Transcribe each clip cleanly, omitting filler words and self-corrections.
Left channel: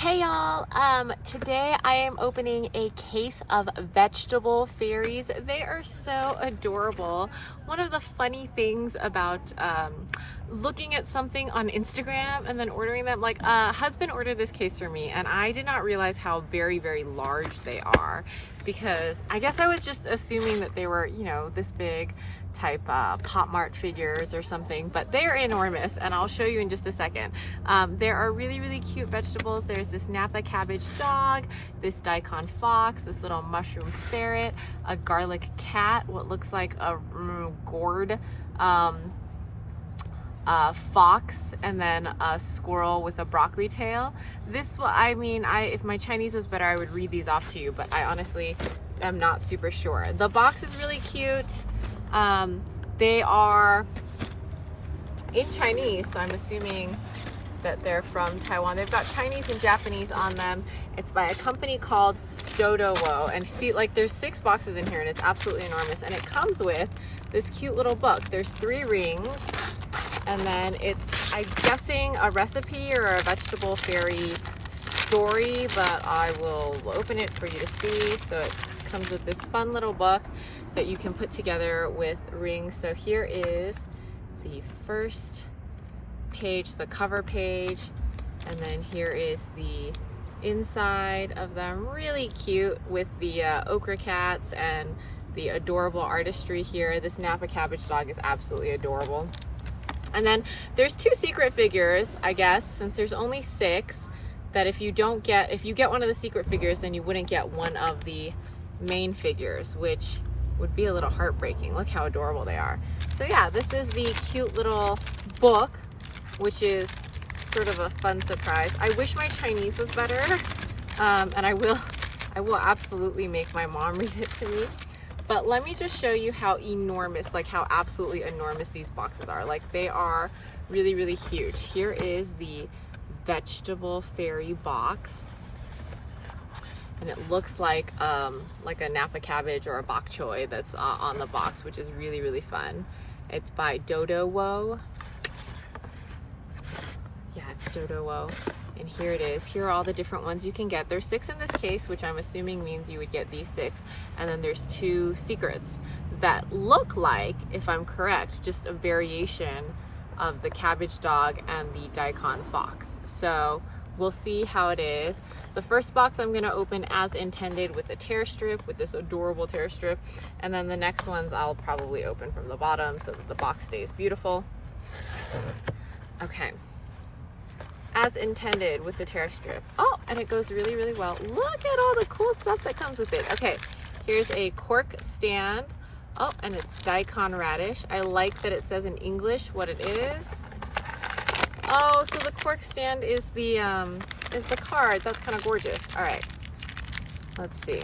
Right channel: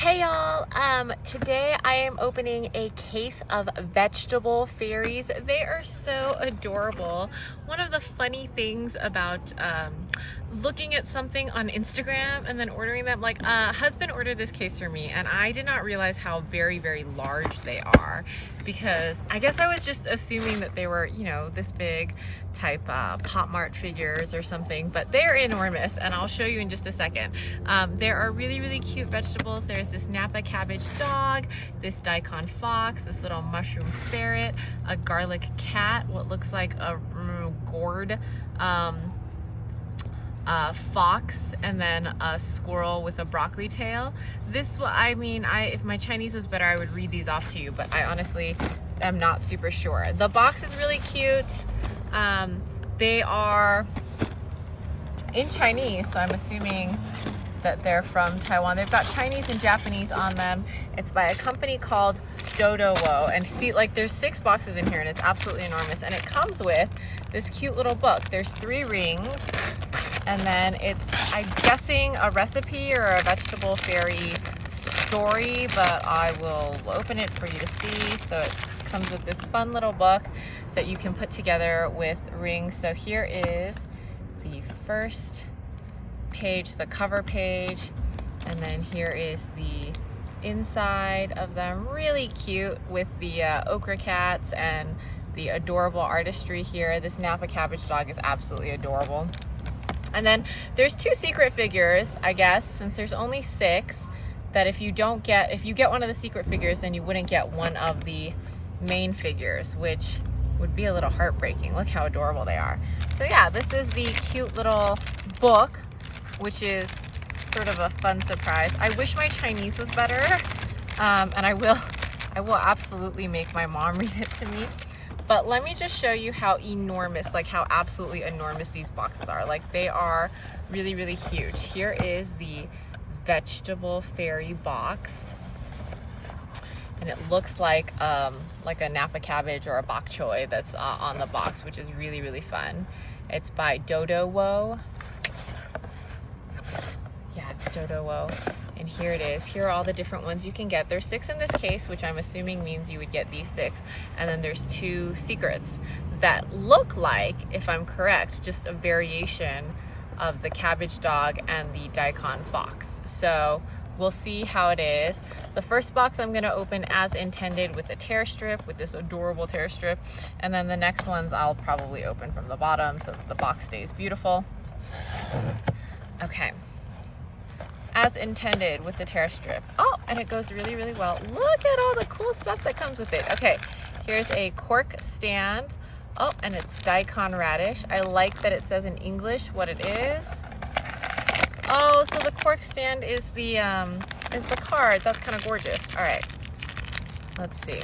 Hey y'all, today I am opening a case of vegetable fairies. They are so adorable. One of the funny things about looking at something on Instagram and then ordering them, like husband ordered this case for me and I did not realize how very, very large they are, because I guess I was just assuming that they were, you know, this big type Pop Mart figures or something, but they're enormous and I'll show you in just a second. There are really, really cute vegetables. There's this Napa Cabbage Dog, this Daikon Fox, this little mushroom ferret, a garlic cat, what looks like a gourd fox, and then a squirrel with a broccoli tail. This, I mean, if my Chinese was better, I would read these off to you, but I honestly am not super sure. The box is really cute. They are in Chinese, so I'm assuming that they're from Taiwan. They've got Chinese and Japanese on them. It's by a company called Dodowo, and see, like, there's 6 boxes in here and it's absolutely enormous, and it comes with this cute little book. There's 3 rings, and then it's, I'm guessing, a recipe or a vegetable fairy story, but I will open it for you to see. So it comes with this fun little book that you can put together with rings. So here is the first page, the cover page, and then here is the inside of them. Really cute with the ochre cats and the adorable artistry here. This Napa Cabbage Dog is absolutely adorable. And then there's 2 secret figures, I guess, since there's only 6, that if you get one of the secret figures, then you wouldn't get one of the main figures, which would be a little heartbreaking. Look how adorable they are. So yeah, this is the cute little book, which is sort of a fun surprise. I wish my Chinese was better, and I will absolutely make my mom read it to me. But let me just show you how enormous, like how absolutely enormous these boxes are. Like, they are really, really huge. Here is the vegetable fairy box, and it looks like a Napa cabbage or a bok choy that's on the box, which is really, really fun. It's by Dodowo. Yeah, it's Dodowo. And here it is. Here are all the different ones you can get. There's 6 in this case, which I'm assuming means you would get these 6. And then there's 2 secrets that look like, if I'm correct, just a variation of the Cabbage Dog and the Daikon Fox. So we'll see how it is. The first box I'm going to open as intended with a tear strip, with this adorable tear strip. And then the next ones I'll probably open from the bottom so that the box stays beautiful. Okay. As intended with the tear strip. Oh, and it goes really, really well. Look at all the cool stuff that comes with it. Okay, here's a cork stand. Oh, and it's Daikon Radish. I like that it says in English what it is. Oh, so the cork stand is the card. That's kind of gorgeous. All right, let's see.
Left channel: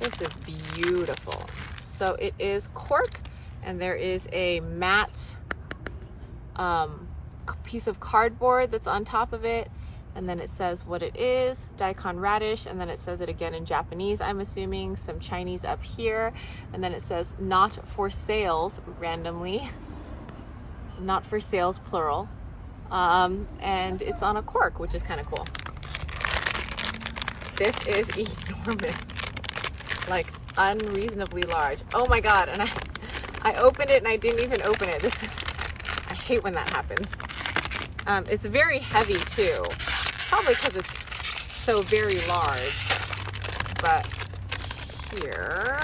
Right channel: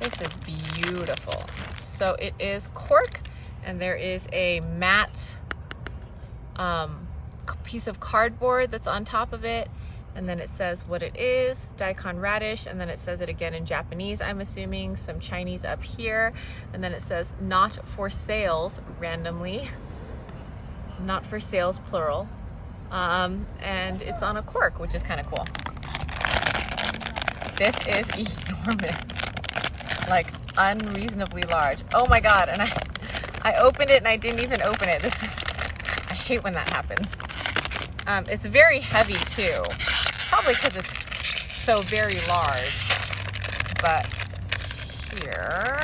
This is beautiful. So it is cork, and there is a matte piece of cardboard that's on top of it, and then it says what it is, Daikon Radish, and then it says it again in Japanese, I'm assuming, some Chinese up here, and then it says not for sales, randomly, not for sales, plural, and it's on a cork, which is kind of cool. This is enormous, like unreasonably large. Oh my god, and I opened it and I didn't even open it. I hate when that happens. It's very heavy too, probably because it's so very large. But here,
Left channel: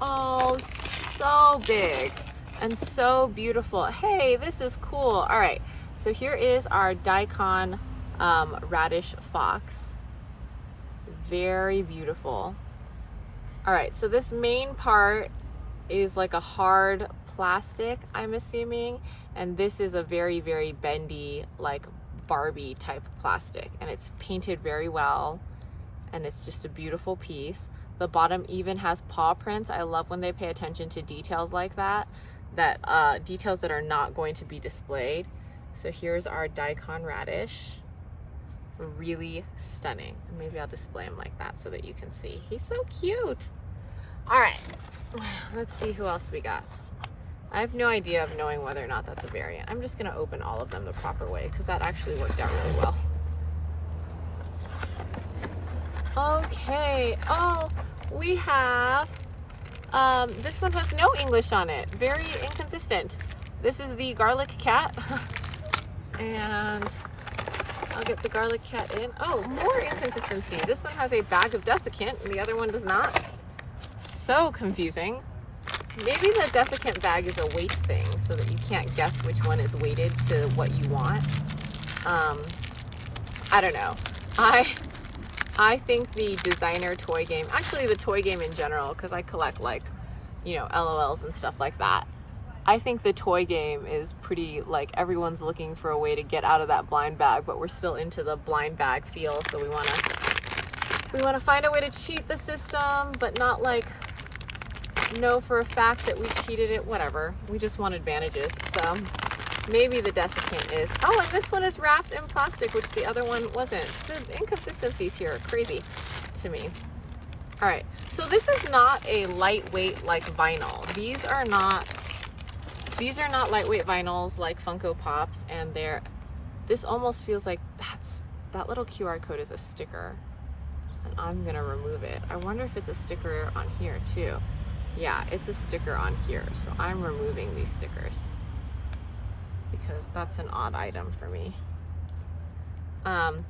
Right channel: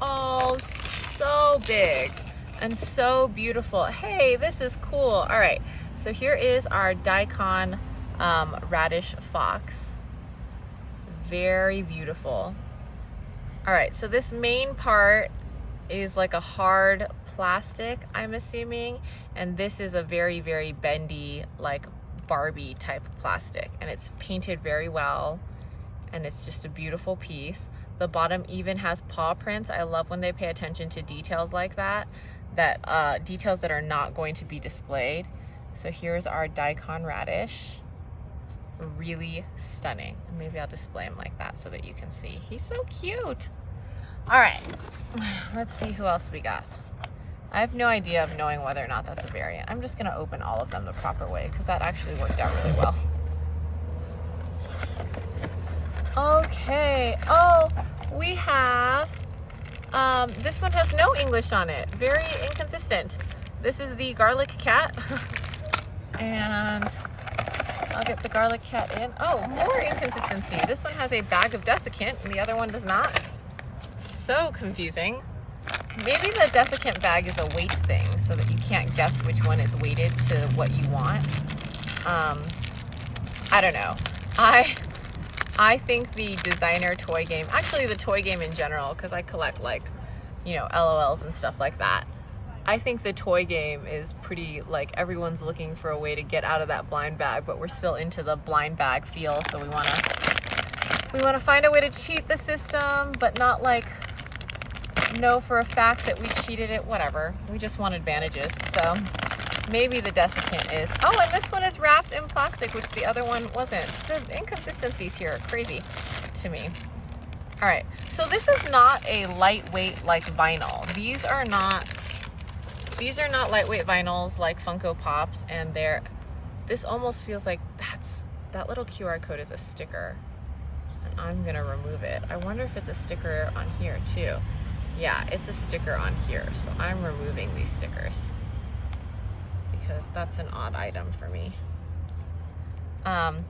oh, so big and so beautiful. Hey, this is cool. All right, so here is our Daikon Radish Fox. Very beautiful. All right, so this main part is like a hard plastic, I'm assuming, and this is a very, very bendy, like Barbie type plastic, and it's painted very well, and it's just a beautiful piece. The bottom even has paw prints. I love when they pay attention to details like that, details that are not going to be displayed. So here's our Daikon Radish. Really stunning. And maybe I'll display him like that so that you can see. He's so cute. All right, let's see who else we got. I have no idea of knowing whether or not that's a variant. I'm just gonna open all of them the proper way because that actually worked out really well. Okay, oh, we have, this one has no English on it. Very inconsistent. This is the garlic cat. And I'll get the garlic cat in. Oh, more inconsistency. This one has a bag of desiccant and the other one does not. So confusing. Maybe the desiccant bag is a weight thing so that you can't guess which one is weighted to what you want. I don't know. I think the designer toy game, actually the toy game in general, because I collect like, you know, LOLs and stuff like that. I think the toy game is pretty, like, everyone's looking for a way to get out of that blind bag, but we're still into the blind bag feel, so we wanna find a way to cheat the system, but not like know for a fact that we cheated it, whatever. We just want advantages. So maybe the desiccant is, oh, and this one is wrapped in plastic, which the other one wasn't. The inconsistencies here are crazy to me. All right, so this is not a lightweight like vinyl. These are not lightweight vinyls like Funko Pops, and this almost feels like that little QR code is a sticker, and I'm gonna remove it. I wonder if it's a sticker on here too. Yeah, it's a sticker on here, so I'm removing these stickers because that's an odd item for me. All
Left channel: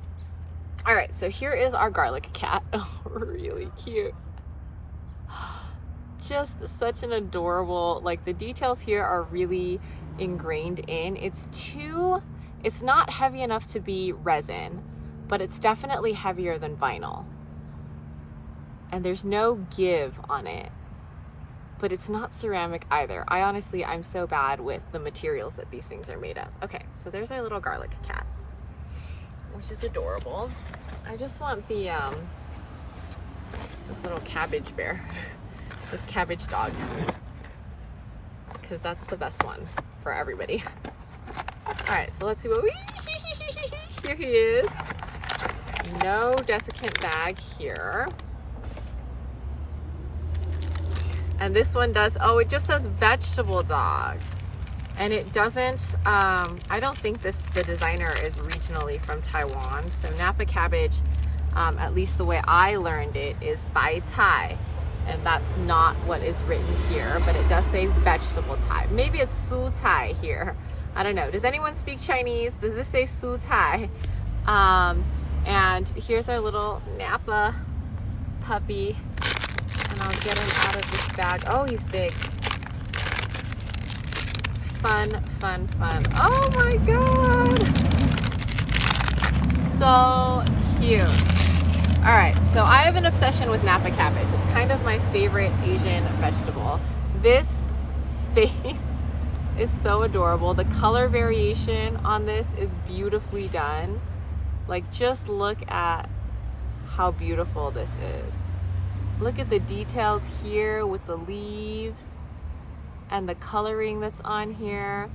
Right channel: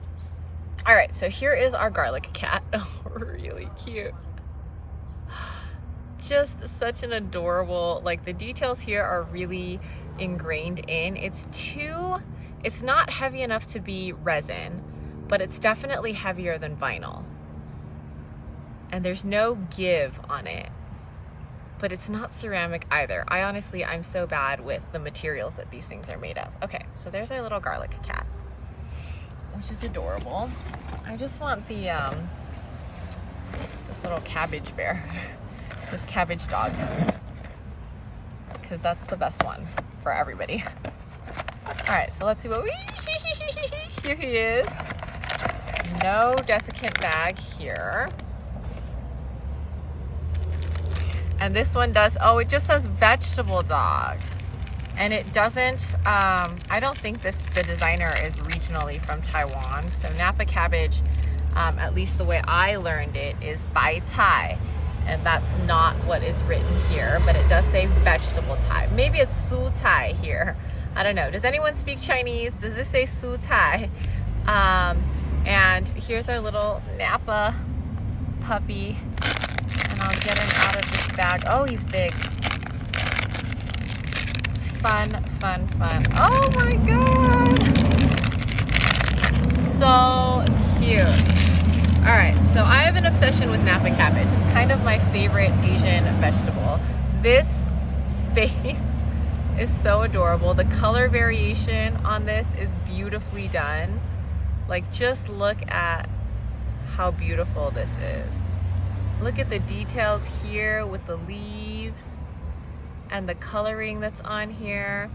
right, so here is our garlic cat. Oh, really cute. Just such an adorable, like the details here are really ingrained in. It's not heavy enough to be resin, but it's definitely heavier than vinyl. And there's no give on it. But it's not ceramic either. I'm so bad with the materials that these things are made of. Okay, so there's our little garlic cat, which is adorable. I just want the, this little cabbage bear, this cabbage dog, because that's the best one for everybody. All right, so let's see what here he is. No desiccant bag here. And this one does, oh, it just says vegetable dog. And it doesn't, I don't think the designer is regionally from Taiwan. So Napa Cabbage, at least the way I learned it, is Bai Cai. And that's not what is written here, but it does say vegetable Cai. Maybe it's Su Cai here. I don't know. Does anyone speak Chinese? Does this say Su Cai? And here's our little Napa puppy. And I'll get him out of this bag. Oh, he's big. Fun, fun, fun. Oh my God. So cute. All right, so I have an obsession with Napa cabbage. It's kind of my favorite Asian vegetable. This face is so adorable. The color variation on this is beautifully done. Like, just look at how beautiful this is. Look at the details here with the leaves and the coloring that's on here.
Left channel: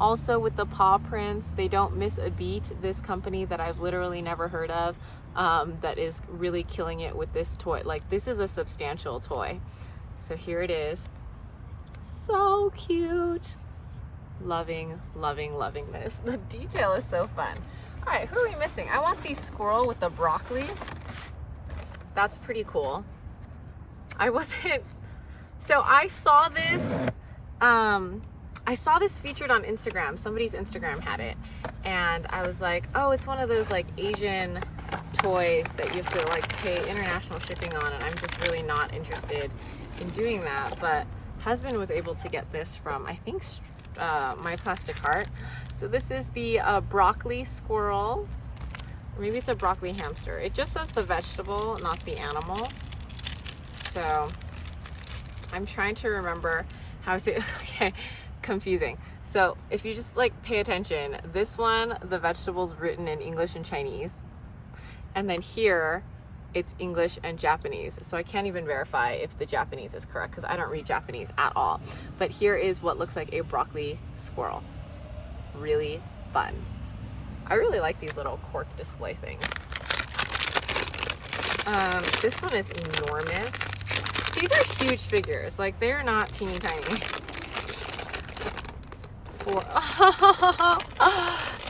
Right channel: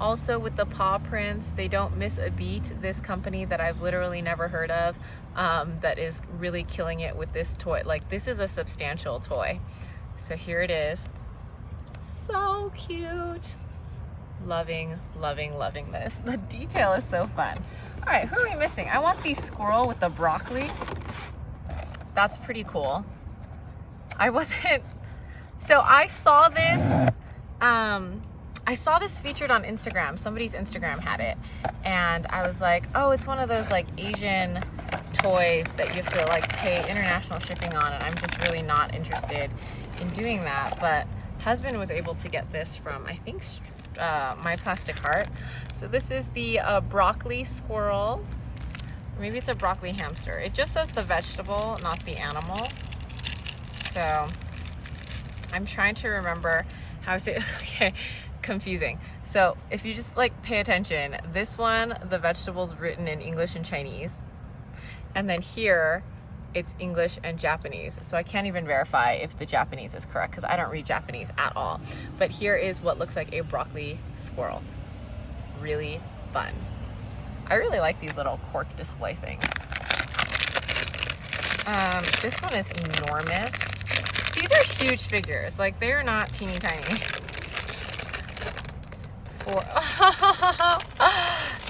Also with the paw prints, they don't miss a beat. This company that I've literally never heard of, that is really killing it with this toy. Like, this is a substantial toy. So here it is. So cute. Loving, loving, loving this. The detail is so fun. All right, who are we missing? I want the squirrel with the broccoli. That's pretty cool. So I saw this featured on Instagram. Somebody's Instagram had it, and I was like, oh, it's one of those like Asian toys that you have to like pay international shipping on, and I'm just really not interested in doing that. But husband was able to get this from, I think, My Plastic Heart. So this is the broccoli squirrel. Maybe it's a broccoli hamster. It just says the vegetable, not the animal. So I'm trying to remember how to say, okay, confusing. So if you just like pay attention, this one, the vegetable's written in English and Chinese. And then here, it's English and Japanese. So I can't even verify if the Japanese is correct because I don't read Japanese at all. But here is what looks like a broccoli squirrel. Really fun. I really like these little cork display things. This one is enormous. These are huge figures. Like, they're not teeny tiny.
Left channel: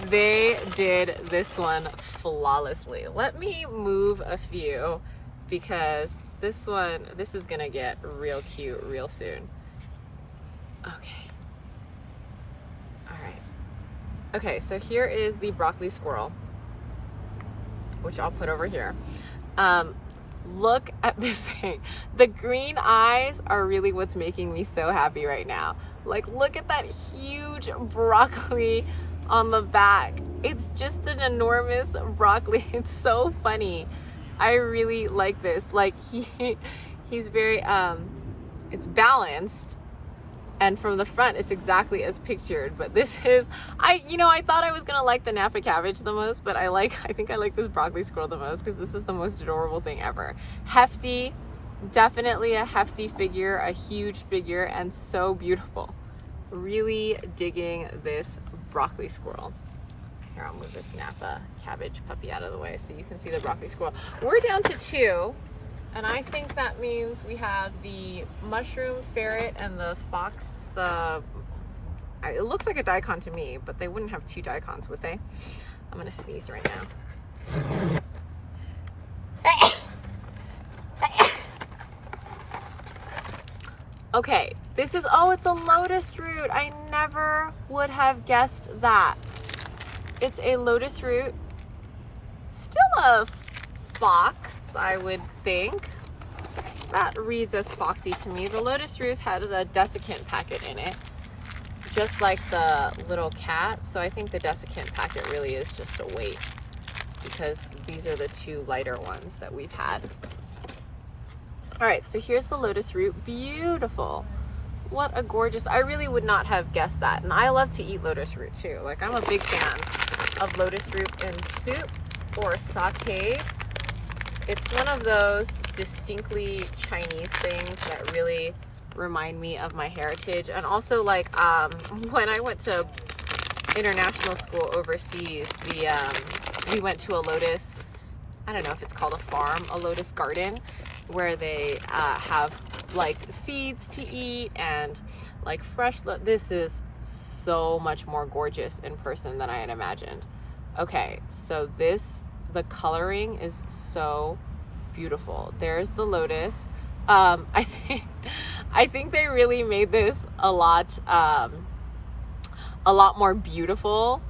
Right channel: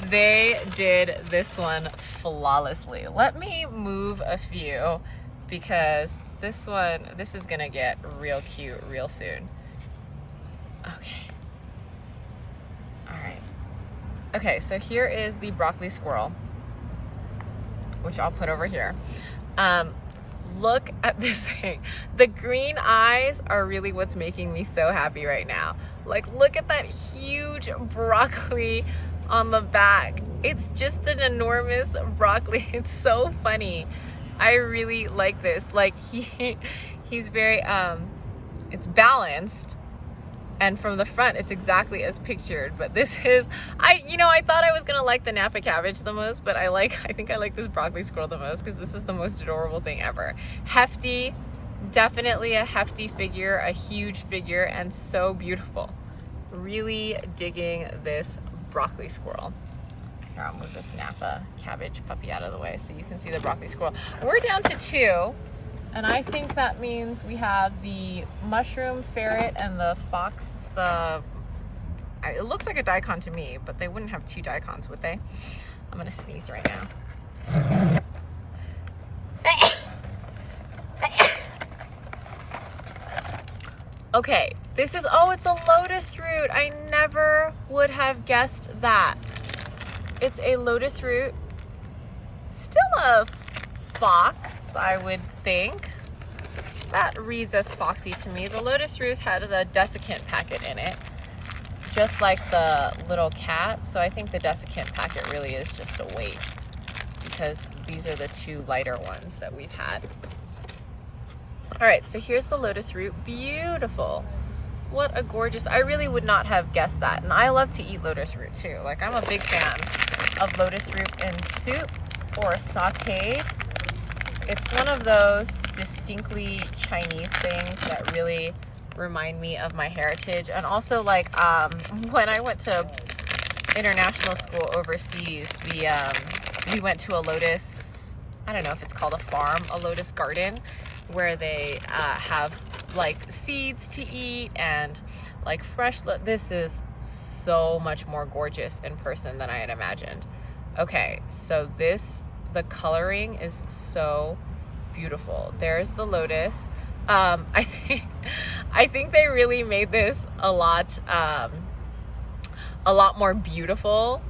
They did this one flawlessly. Let me move a few because this is gonna get real cute real soon. Okay. All right. Okay, so here is the broccoli squirrel, which I'll put over here. Look at this thing. The green eyes are really what's making me so happy right now. Like, look at that huge broccoli on the back. It's just an enormous broccoli. It's so funny. I really like this. Like, he's very, it's balanced. And from the front, it's exactly as pictured. But this is, I thought I was gonna like the Napa cabbage the most, but I think I like this broccoli squirrel the most because this is the most adorable thing ever. Hefty, definitely a hefty figure, a huge figure, and so beautiful. Really digging this broccoli squirrel. Here, I'll move this Napa cabbage puppy out of the way so you can see the broccoli squirrel. We're down to 2. And I think that means we have the mushroom ferret and the fox. It looks like a daikon to me, but they wouldn't have 2 daikons, would they? I'm gonna sneeze right now. Okay, this is, oh, it's a lotus root. I never would have guessed that. It's a lotus root. Still a fox, I would think. That reads as foxy to me. The lotus root has a desiccant packet in it, just like the little cat. So I think the desiccant packet really is just a weight because these are the 2 lighter ones that we've had. All right, so here's the lotus root. Beautiful. What a gorgeous, I really would not have guessed that. And I love to eat lotus root too. Like, I'm a big fan of lotus root in soup or sauteed. It's one of those distinctly Chinese things that really remind me of my heritage. And also, like, when I went to international school overseas, we went to a lotus, I don't know if it's called a farm, a lotus garden, where they have like seeds to eat and like fresh. This is so much more gorgeous in person than I had imagined. Okay, so the coloring is so beautiful. There's the lotus. I think they really made this a lot more beautiful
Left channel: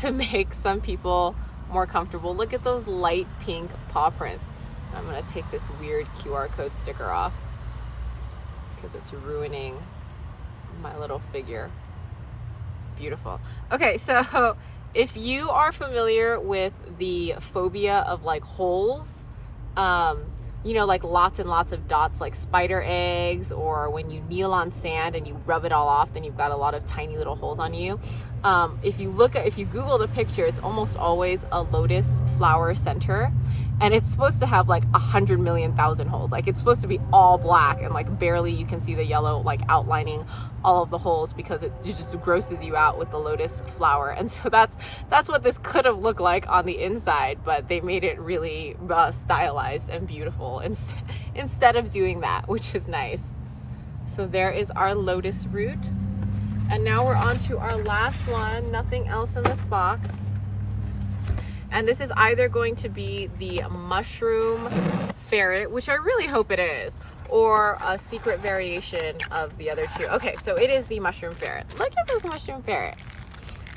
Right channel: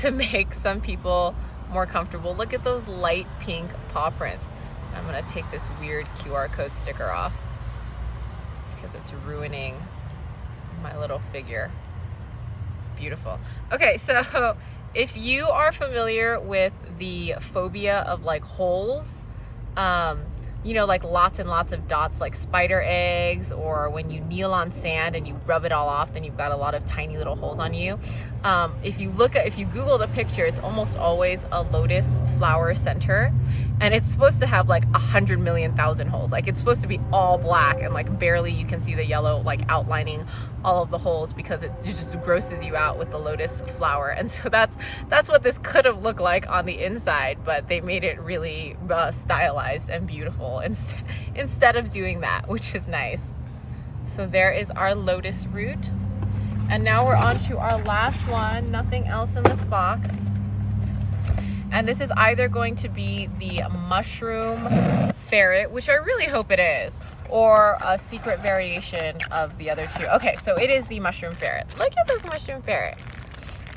to make some people more comfortable. Look at those light pink paw prints. I'm gonna take this weird QR code sticker off because it's ruining my little figure. Beautiful. Okay, so if you are familiar with the phobia of like holes, you know, like lots and lots of dots, like spider eggs, or when you kneel on sand and you rub it all off, then you've got a lot of tiny little holes on you. If you Google the picture, it's almost always a lotus flower center. And it's supposed to have like 100 million thousand holes. Like, it's supposed to be all black and like barely you can see the yellow like outlining all of the holes because it just grosses you out with the lotus flower. And so that's what this could have looked like on the inside, but they made it really stylized and beautiful instead of doing that, which is nice. So there is our lotus root. And now we're on to our last one. Nothing else in this box. And this is either going to be the mushroom ferret, which I really hope it is, or a secret variation of the other 2. Okay, so it is the mushroom ferret. Look at this mushroom ferret.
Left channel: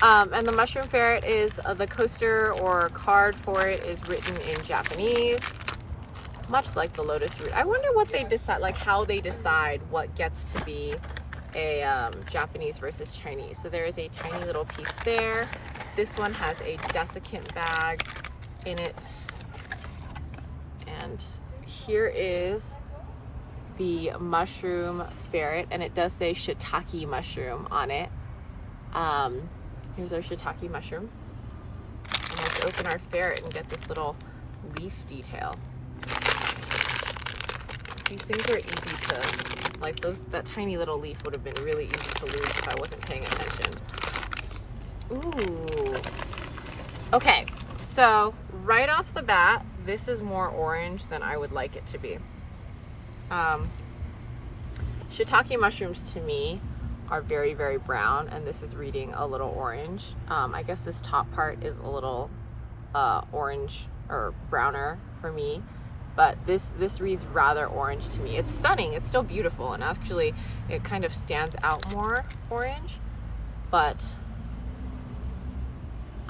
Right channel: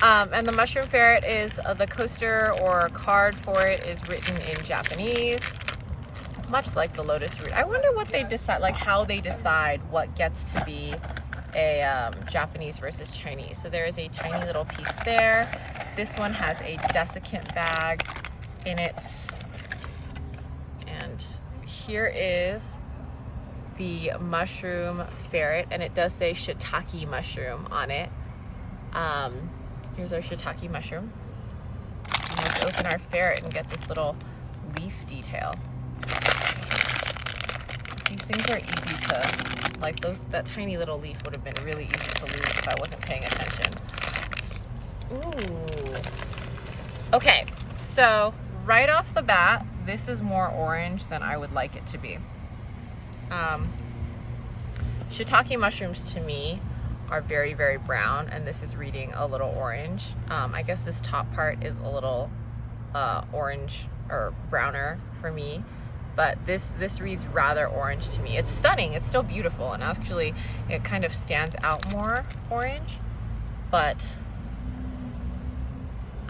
And the mushroom ferret is the coaster or card for it is written in Japanese, much like the lotus root. I wonder what they decide, like how they decide what gets to be a Japanese versus Chinese. So there is a tiny little piece there. This one has a desiccant bag in it. And here is the mushroom ferret, and it does say shiitake mushroom on it. Here's our shiitake mushroom. And let's open our ferret and get this little leaf detail. These things are easy to, like that tiny little leaf would have been really easy to lose if I wasn't paying attention. Ooh. Okay, so right off the bat, this is more orange than I would like it to be. Shiitake mushrooms to me are very, very brown, and this is reading a little orange. I guess this top part is a little orange or browner for me, but this reads rather orange to me. It's stunning, it's still beautiful, and actually it kind of stands out more orange, but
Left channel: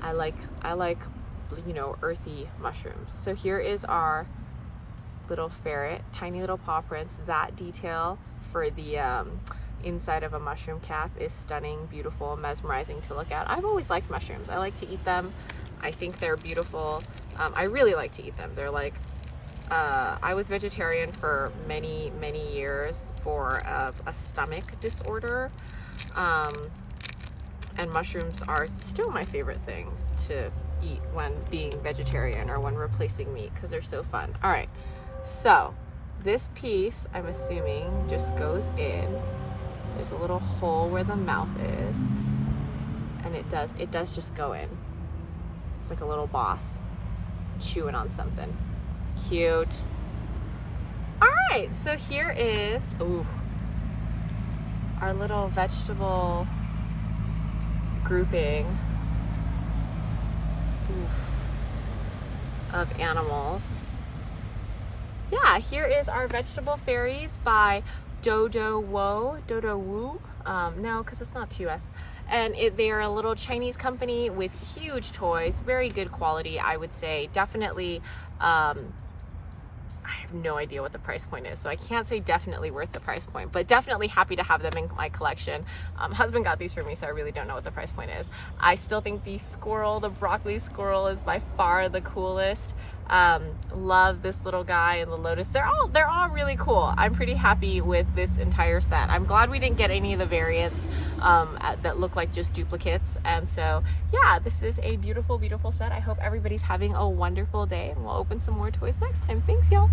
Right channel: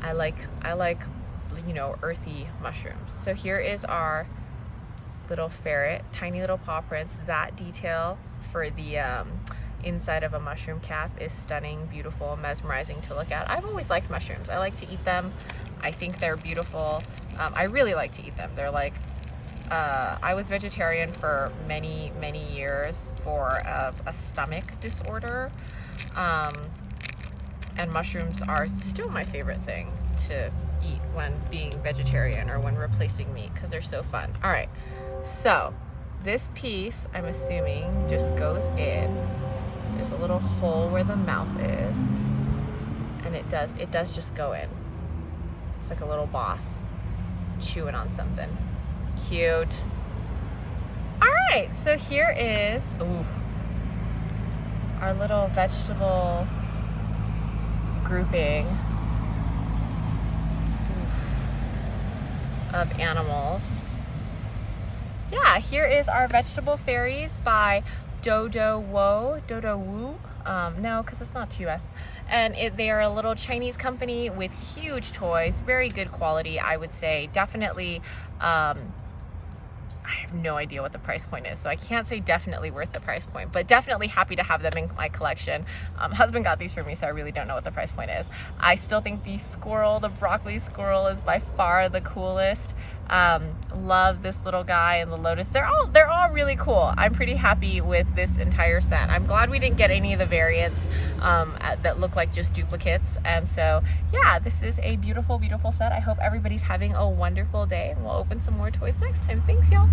I like, you know, earthy mushrooms. So here is our little ferret, tiny little paw prints. That detail for the inside of a mushroom cap is stunning, beautiful, mesmerizing to look at. I've always liked mushrooms. I like to eat them. I think they're beautiful. I really like to eat them. They're like, I was vegetarian for many, many years for a stomach disorder. And mushrooms are still my favorite thing to eat when being vegetarian or when replacing meat, because they're so fun. All right, so this piece, I'm assuming, just goes in. There's a little hole where the mouth is, and it does just go in. It's like a little boss chewing on something. Cute. All right, so here is our little vegetable grouping of animals. Yeah, here is our vegetable fairies by Dodowo. No, because it's not 2S. And they are a little Chinese company with huge toys, very good quality, I would say. Definitely, I have no idea what the price point is, so I can't say definitely worth the price point, but definitely happy to have them in my collection. Husband got these for me, so I really don't know what the price point is. I still think the squirrel, the broccoli squirrel, is by far the coolest. Love this little guy and the lotus. They're all really cool. I'm pretty happy with this entire set. I'm glad we didn't get any of the variants that look like just duplicates. And so yeah, this is a beautiful, beautiful set. I hope everybody's having a wonderful day, and we'll open some more toys next time. Thanks, y'all.